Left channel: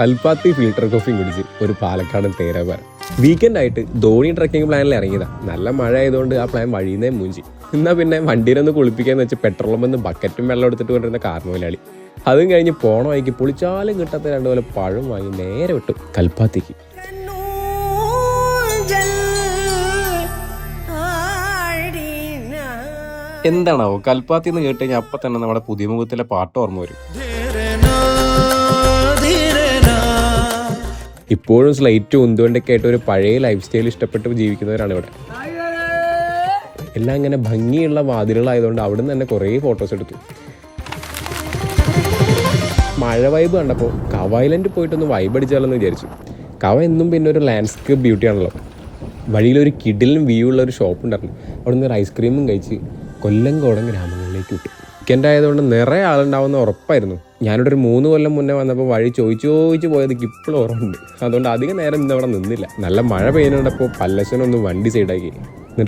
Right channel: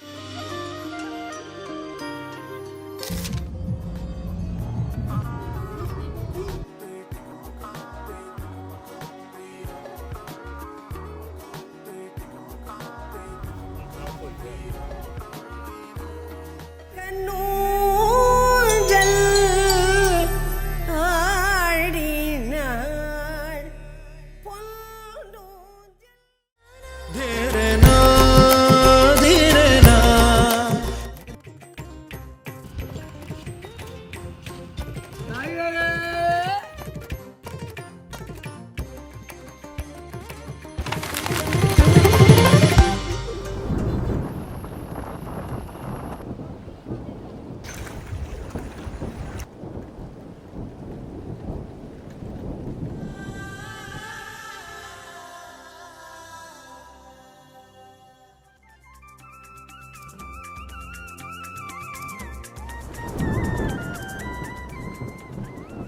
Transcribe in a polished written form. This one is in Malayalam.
കൽപ്പാത്തി ഫിൽട്ടർ കോഫിയും കുടിച്ച് ഒരു പാലക്കാട് തേരാപാരം. വീക്കെൻഡ് ആയിട്ട് ധോണി ട്രക്കിംഗ് പ്ലാനിൽ ഇറങ്ങിയതാണ്. നല്ല മഴ ആയതുകൊണ്ട് ആ പ്ലാൻ വഴിയുന്നേ മൂഞ്ചി. എന്നാൽ പിന്നെ വണ്ടിയിലൊന്ന് കുളിപ്പിക്കാന്ന് വെച്ച് പെട്രോളും വന്ന് ബക്കറ്റും വെള്ളം എടുത്തിട്ട് കൊണ്ടിരുന്ന കാർണോലാളി. അതും കഴിഞ്ഞ് പോണ വഴിക്ക് പൊളിച്ചാലും കിട്ടാത്ത രണ്ടുപോലെ പഴം വാങ്ങി നേരെ വിട്ടു കൽപ്പാത്തിക്ക്. എന്താണാവോ കൽപ്പാത്തി എന്ന് കേട്ട് കഴിഞ്ഞാൽ അപ്പം തന്നെ നമ്മുടെ പുതിയ മുഖത്തിലെ പാട്ട് ഓർമ്മ വരും. ഇപ്പോഴും സ്ലൈറ്റും ഉന്തുകൊണ്ടൊക്കെ ആയിട്ട് ഒരു പഴയ ലൈഫ് സ്റ്റൈൽ ഇഷ്ടപ്പെട്ട് ജീവിക്കുന്നവരാണ് ഇവിടെ. എല്ലാം ഇങ്ങനെ ഭംഗിയുള്ള വാതിലുകളായതുകൊണ്ട് അവിടെ നിന്ന് തന്നെ കുറേ ഫോട്ടോസ് എടുത്തു. മഴ വൈബ് കണ്ടപ്പോൾ കവ ഐലൻഡ് പോയിട്ടൊന്ന് വൈബ് അടിച്ചാലെന്ന് വിചാരിച്ചു. കവ എന്നും പിന്നെ ഒരു ലാൻഡ്സ്കേപ്പ് ബ്യൂട്ടിയാണല്ലോ. വഴിയിലൊരു കിഡിലും വ്യൂ ഉള്ള ഒരു ഷോപ്പ് ഉണ്ടായിരുന്നു. അവിടെ നിന്ന് ഒരു ഐസ്ക്രീമും കഴിച്ച് കൊല്ലങ്കോടൻ ഗ്രാമങ്ങളിലേക്ക് വിട്ടു. വീക്കെൻഡ് ആയതുകൊണ്ട് നിറയെ ആളുണ്ടാവുന്ന ഉറപ്പായിരുന്നു. ഞാനിവിടെ ഒരു 3 കൊല്ലം മുന്നേ വന്നപ്പോൾ വഴി ചോദിച്ചു പോയത് ഇപ്പോഴും ഓർമ്മയുണ്ട്. അതുകൊണ്ട് അധികം നേരം ഇന്ന് അവിടെ നിന്നില്ല. നല്ല മഴ പെയ്യുന്നുണ്ടപ്പോൾ പല്ലശ്ശനൊന്ന് വണ്ടി സൈഡാക്കി.